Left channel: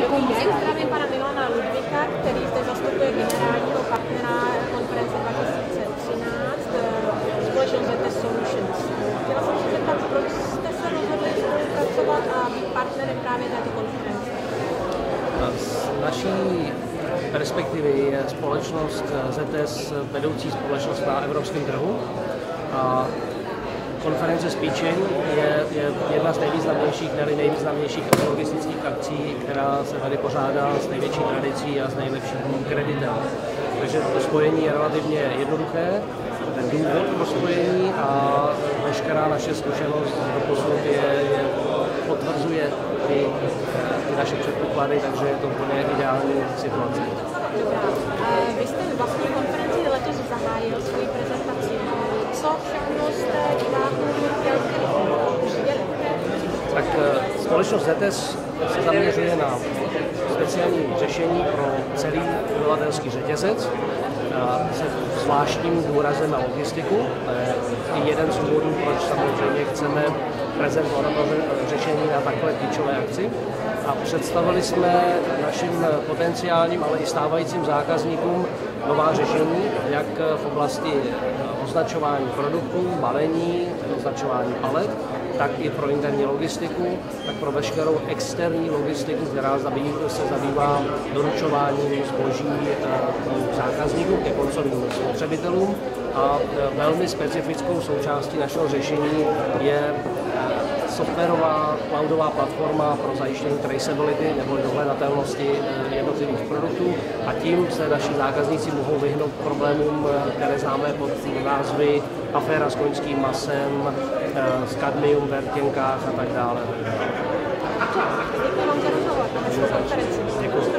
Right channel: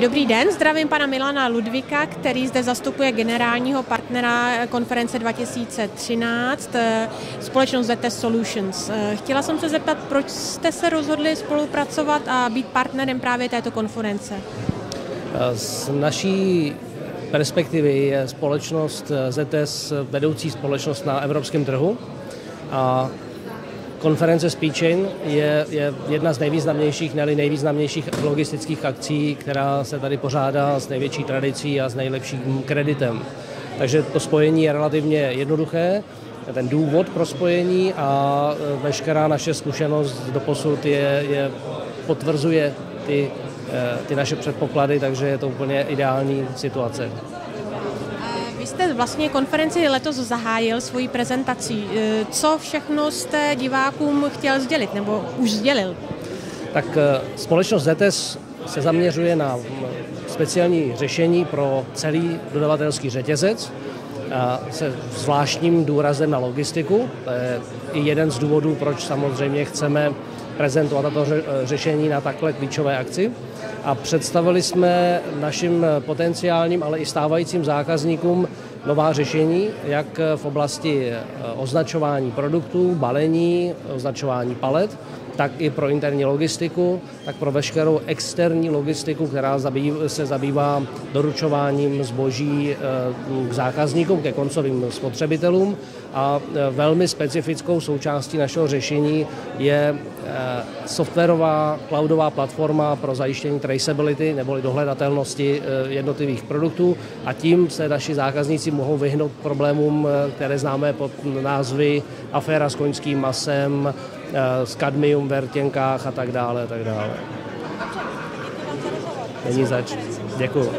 Dobrý den, zdravím pana Milana Ludvíka, který zde zastupuje generálního partnera konference 2013, společnost ZTES Solutions. Chtěla jsem se zeptat, proč jste se rozhodli spolupracovat a být partnerem právě této konference? Z naší perspektivy je společnost ZTES vedoucí společnost na evropském trhu. A konference Speedchain je jedna z nejvýznamnějších, ne nejvýznamnějších logistických akcí, která se tady pořádá s největší tradicí a s nejlepším kreditem. Takže to spojení je relativně jednoduché, ten důvod pro spojení a veškerá naše zkušenost doposud potvrzuje ty naše předpoklady, takže je to úplně ideální situace. Vy jste vlastně konferenci letos zahájil svoji prezentací. Co všechno jste divákům chtěl sdělit, nebo už sdělil? Tak společnost ZTES se zaměřuje na speciální řešení pro celý dodavatelský řetězec se zvláštním důrazem na logistiku. To je i jeden z důvodů, proč samozřejmě chceme prezentovat to řešení na takové klíčové akci. A představili jsme našim potenciálním, ale i stávajícím zákazníkům nová řešení, jak v oblasti označování produktů, balení, označování palet, tak i pro interní logistiku, tak pro veškerou externí logistiku, která se zabývá doručováním zboží zákazníkům, ke koncovým spotřebitelům. A velmi specifickou součástí našeho řešení je softwarová cloudová platforma pro zajištění traceability neboli dohledatelnosti jednotlivých produktů a tím se naši zákazníci mohou vyhnout problémům, které známe pod názvy aféra s koňským masem, s kadmium v rtěnkách a tak dále. Děkuji vám za rozhovor. Děkuji.